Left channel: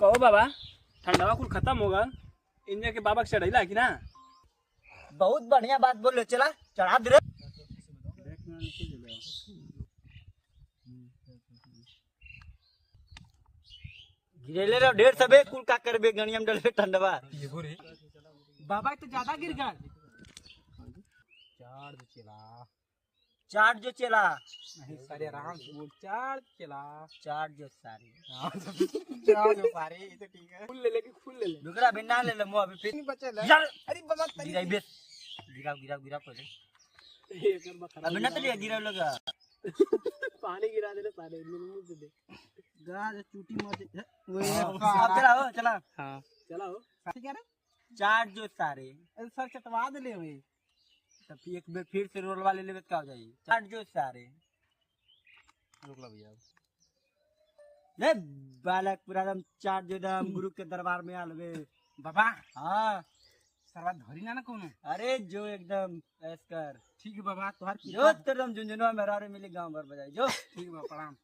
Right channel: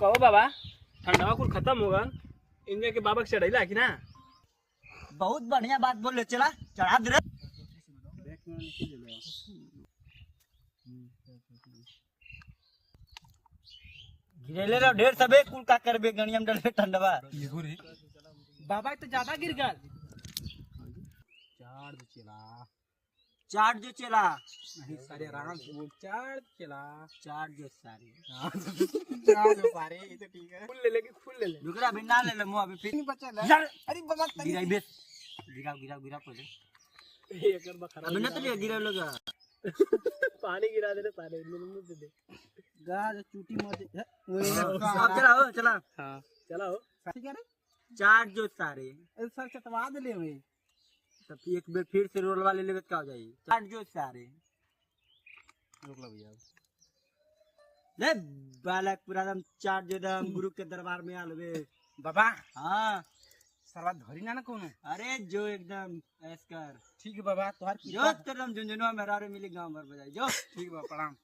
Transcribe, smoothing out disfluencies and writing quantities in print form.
कहो बाबा ठंडा कुल खत्म होगा इनमें के बाबा चढ़ैला कि ना। बहुत बढ़िया बात बोल रहे, चला चढ़ा दे रे। गिरेले रे ढेर सबे कुल का करबे गणियम डले ठंडवा। बाबा तो ज्यादा गिर गया। चाट जो चला सारे आराम से बोल चार चला चाट जो सारी चार जो सारे ये तो ठीक है। फुल ले लेके फुल ले ले दुकरा में ना ले ले मुंह अभी फिर नहीं बचा ले। चल अरे बाबा गिरा बेस गिरा गिरा गिरा पहले एक बार खराब अभी ना तो गिरा लगा पानी गिरा दे सारे मुंह से दे गाज चूटी मत वही अब चला हो चला। हां चलो क्या रे चाट जो सारे सर चटवा दे ले वे तब एक बार फिर से रोल वाले लेवे क्या हो जाएगी। चाट जो सारे रुक लो भैया ले बालक पूरा दम चाट जो दम गुरु के दरबार में आलवे बाबा। हाँ सरवा धरी ना कोनो। अरे जो एकदम ऐस कर ठीक है बाबा तोहार जो तरम झुंझुनवा मेरा रे मिली गांव भर बजाई जो ठीक बा प्रणाम।